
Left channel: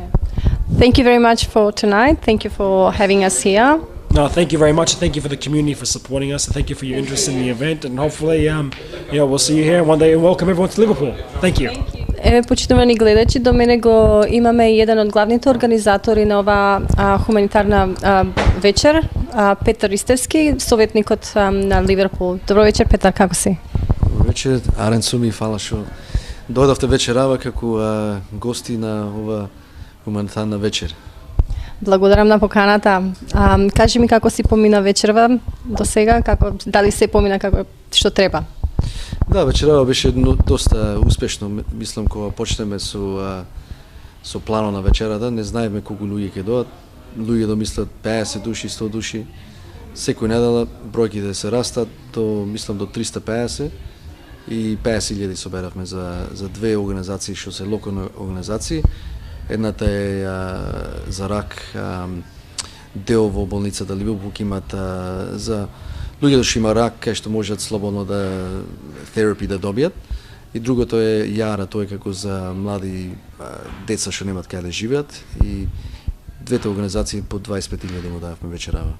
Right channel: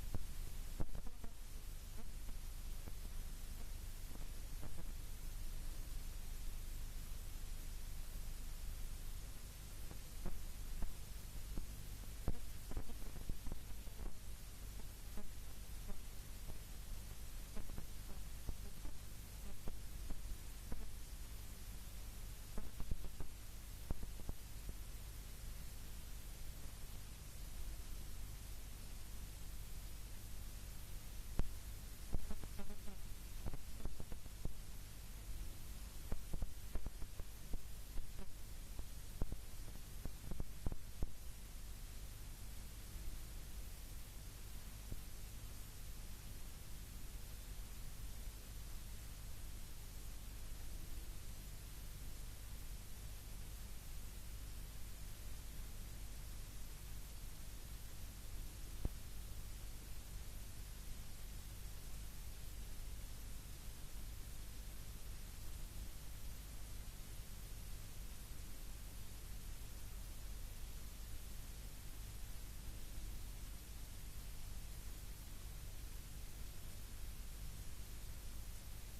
Thank you very much for tonight. Thank you for having us here. No, thank you very much. Thank you for the community for supporting us. Thank you for your interest in the event, and hopefully, we'll see you here one day and welcome everyone to Liverpool. Thank you. Еве, почитувани гледачи, до мене го имаме еден од главните организатори на ова хуманитарна вечер, Петар Истерски, советникот на Ливерпул. Добро вечер, Петар, како си? Добро вечер, Арен Суми, фала што дојдовте вечерава како гости на ова хуманитарна вечер. Благодарам на поканата. Кажи ми како си помина вечерва до сега, дали се помина како што треба? Да, вечерава беше доста успешно. Мислам кога почнеме со планот на вечерата, не знаевме колку луѓе ќе дојдат. Луѓе домислат 50 души, 100 души. Секој недела бројките се растат до, мислам, до 350 и 50.000 соберавме за две организации што се локални организации. Едната е за рак, дел во болницата Ливерпул имат за луѓето што има рак, кај што можат слободно терапи да добијат. И другото е јара, тоа е како за млади деца што немаат каде да живеат. И двете организации по 25.000 му дававме вечерава.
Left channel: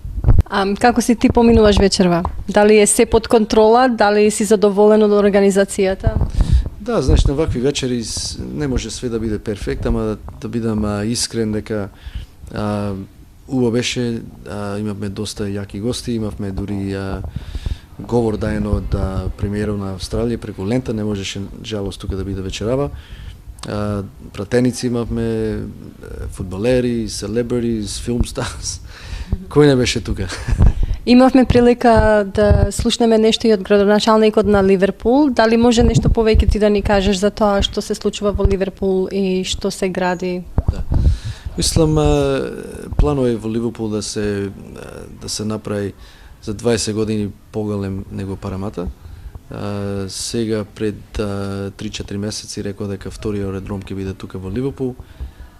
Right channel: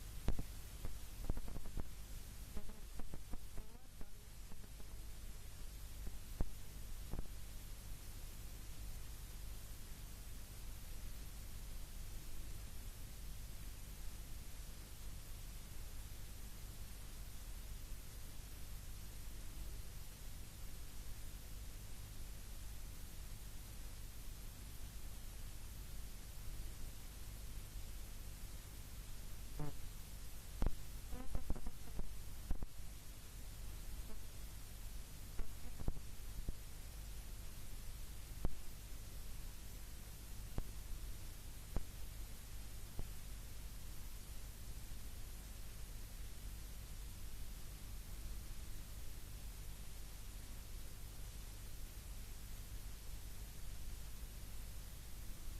Како си ти поминуваш вечерва? Дали е се под контрола, дали си задоволен од организацијата? Да, знаеш, на вакви вечери не може све да биде перфект, ама да бидам искрен дека убаво беше, имавме доста јаки гости, имавме дури говор даен од премиерот на Австралија преку лента, не можеше жалост тука да биде вечерава. Пратеници имавме, фудбалери, селебритис, филм старс. Кој не беше тука? Имавме прилика да слушнеме нешто и од градоначалникот на Ливерпул. Дали може нешто повеќе ти да ни кажеш за тоа што се случува во Ливерпул и што се гради? Да. Мислам, планува во Ливерпул да се направи за 20 години поголем него Парамата. Сега пред 3-4 месеци рекол дека вториот редром ќе биде тука во Ливерпул.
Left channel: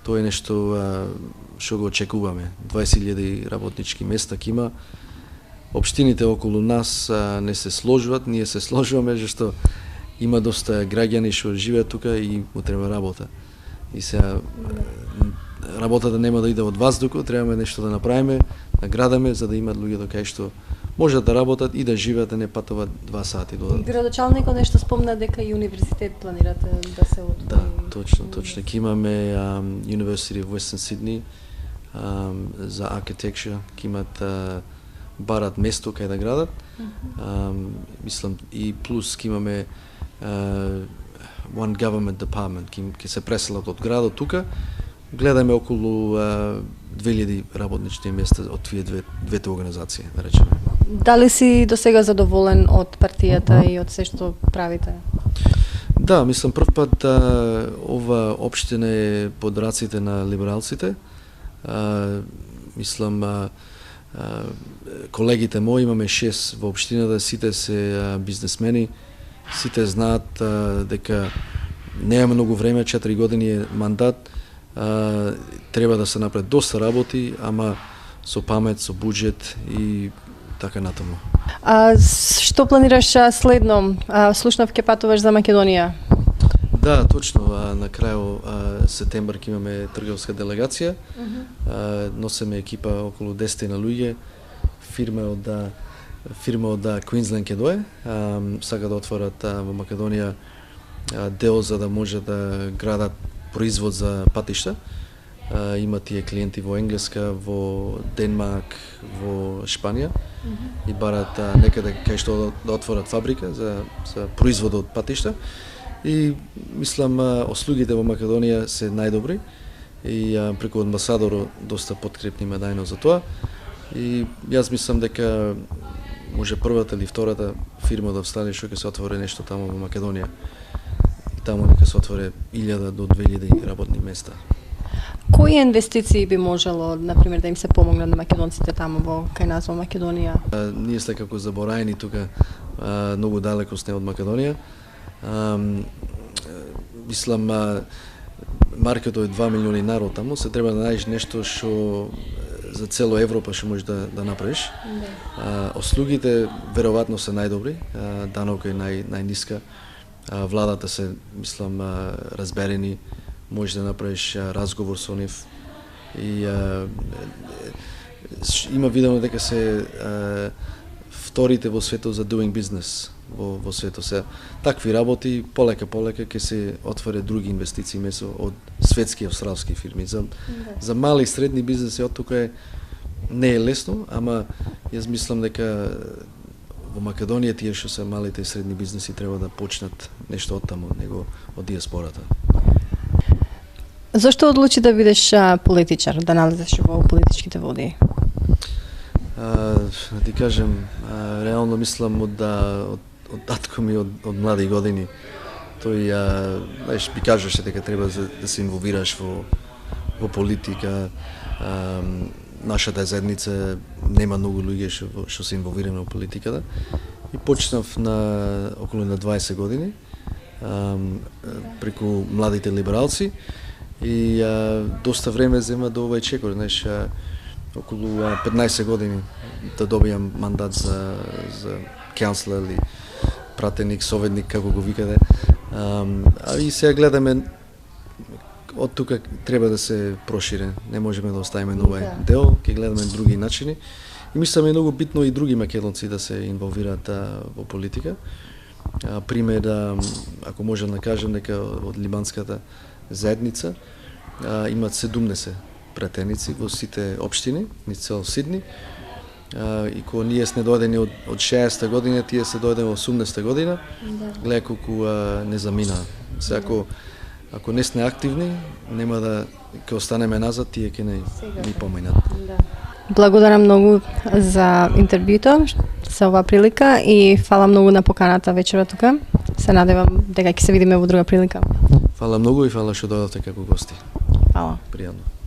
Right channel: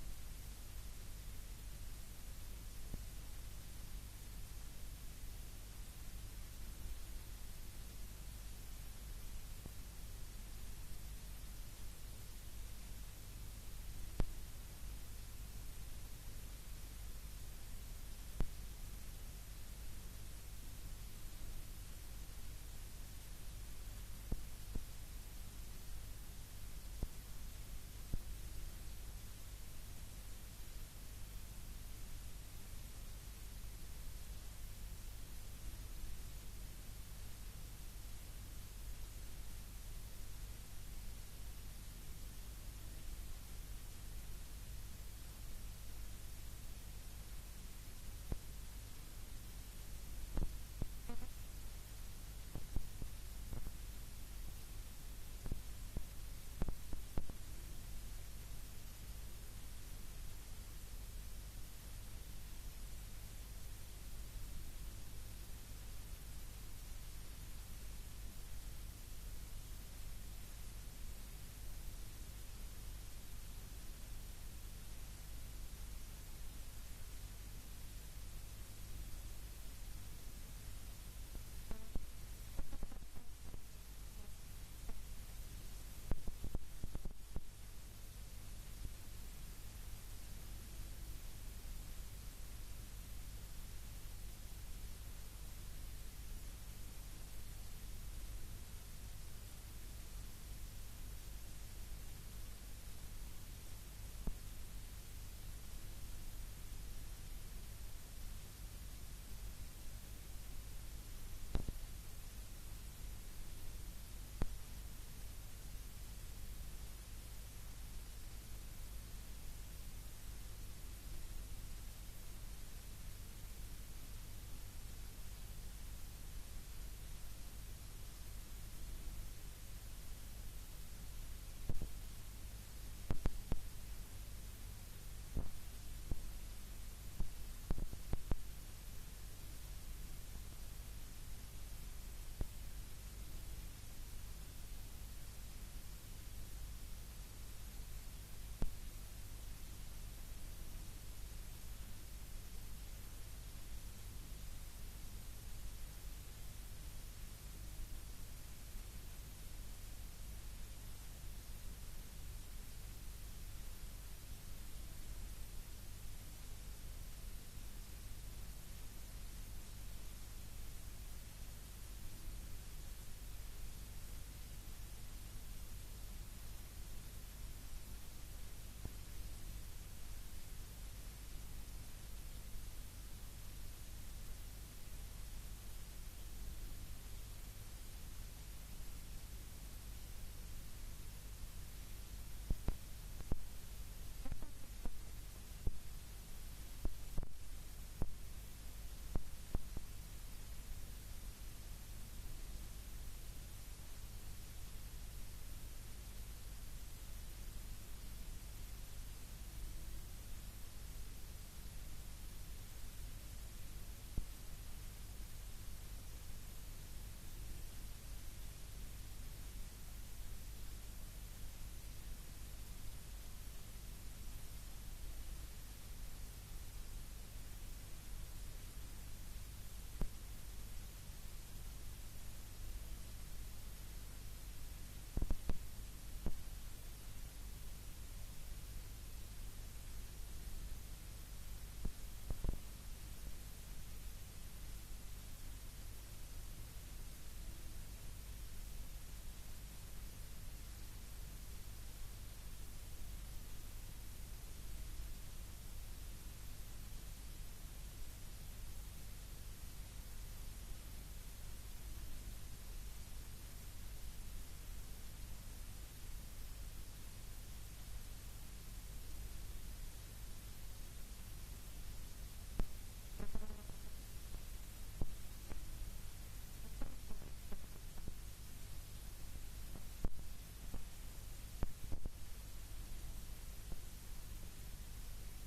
Тоа е нешто што го очекуваме. 20.000 работнички места ќе има. Општините околу нас не се сложуват, ние се сложуваме, зашто има доста граѓани што живеат тука и му треба работа. И сега работата нема да иде од воздухот, треба нешто да направиме, да градаме, за да имат луѓето кај што можат да работат и да живеат, да не патуваат 2 сати додатно. Градоначалникот нешто спомна дека и универзитет планирате да се отвори. Да, точно. Ќе имаме University of Western Sydney за architecture, ќе имат барат место кај да градат. Мислам и плюс ќе имаме one government department, ќе се преселат од градот тука. Гледаме околу 2000 работнички места од тие двете организации, да речеме. Дали си до сега задоволен од партијата и од се што правите? Да, мислам прв пат ова општина е под раците на либералците. Мислам колегите мои, имаме 6 во општината, сите се бизнесмени, сите знаат дека нема многу време, 4 години е мандат, треба да се направи доста работи, ама со памет, со буџет и така натаму. Што планираш следно? Слушнав ќе патуваш за Македонија. Да, точно. На крај септември ќе имаме трговска делегација. Носиме екипа околу 10 на луѓе. Фирма од Квинсленд ќе дое. Сака да отворат во Македонија дел за да може да градат производ за патишта. Има тие клиенти во Енглеска, во Денмарк, во Шпанија и барат некаде кај што да отворат фабрика за производ од патишта. И мислам услугите во Македонија се најдобри и преку амбасадорот доста подкрепни ме дајно за тоа. И јас мислам дека може првата или втората фирма да встане што ќе се отвори нешто таму во Македонија. И таму нека се отвори 1000 до 2000 работни места. Кои инвестиции би можело, например, да им се помогне на македонците таму во кај нас во Македонија? Ние сме како забораени тука, многу далеко сме од Македонија. Мислам, маркетот е 2 милиони народ таму, се треба да најдеш нешто што за цело Европа што можеш да направиш. Услугите веројатно се најдобри, данокот е најниска, владата се, мислам, разберени, можеш да направиш разговор со нив и има видено дека се вторите во светот за doing business во светот. Се такви работи полека ќе се отворат други инвестиции место од светски и австралски фирми. За мали и средни бизнеси од тука не е лесно, ама јас мислам дека во Македонија тие што се малите и средни бизнеси треба да почнат нешто од таму, него од диаспората. Зошто одлучи да бидеш политичар, да налезеш во политичките води? Да ти кажем, реално мислам од татко ми од млади години. Тој би кажеше дека треба да се инволвираш во политика. Нашата заедница нема многу луѓе што се инволвираме во политиката. И почнав околу на 20 години преку младите либералци. И доста време зема до овој чекор, знаеш, околу 15 години да добијам мандат за каунслер или пратеник, советник, како го викаде. И сега гледаме од тука треба да се прошире. Не можеме да оставиме на овој дел, ќе гледаме други начини. И мислам е многу битно и други македонци да се инволвираат во политика. Пример, ако можам да кажем, дека од либанската заедница имат 17 пратеници во сите општини, низ цел Сидни. И кога ние сме дојдени од 60-та година, тие се дојдени во 80-та година, гледа колку не замина. Се ако не сме активни, нема да ќе останеме назад, тие ќе ни поминат. Благодарам многу за интервјуто, за оваа прилика и фала многу на поканата вечера тука. Се надевам дека ќе се видиме во друга прилика. Фала многу и фала што дојдовте како гости. Фала. Пријатно.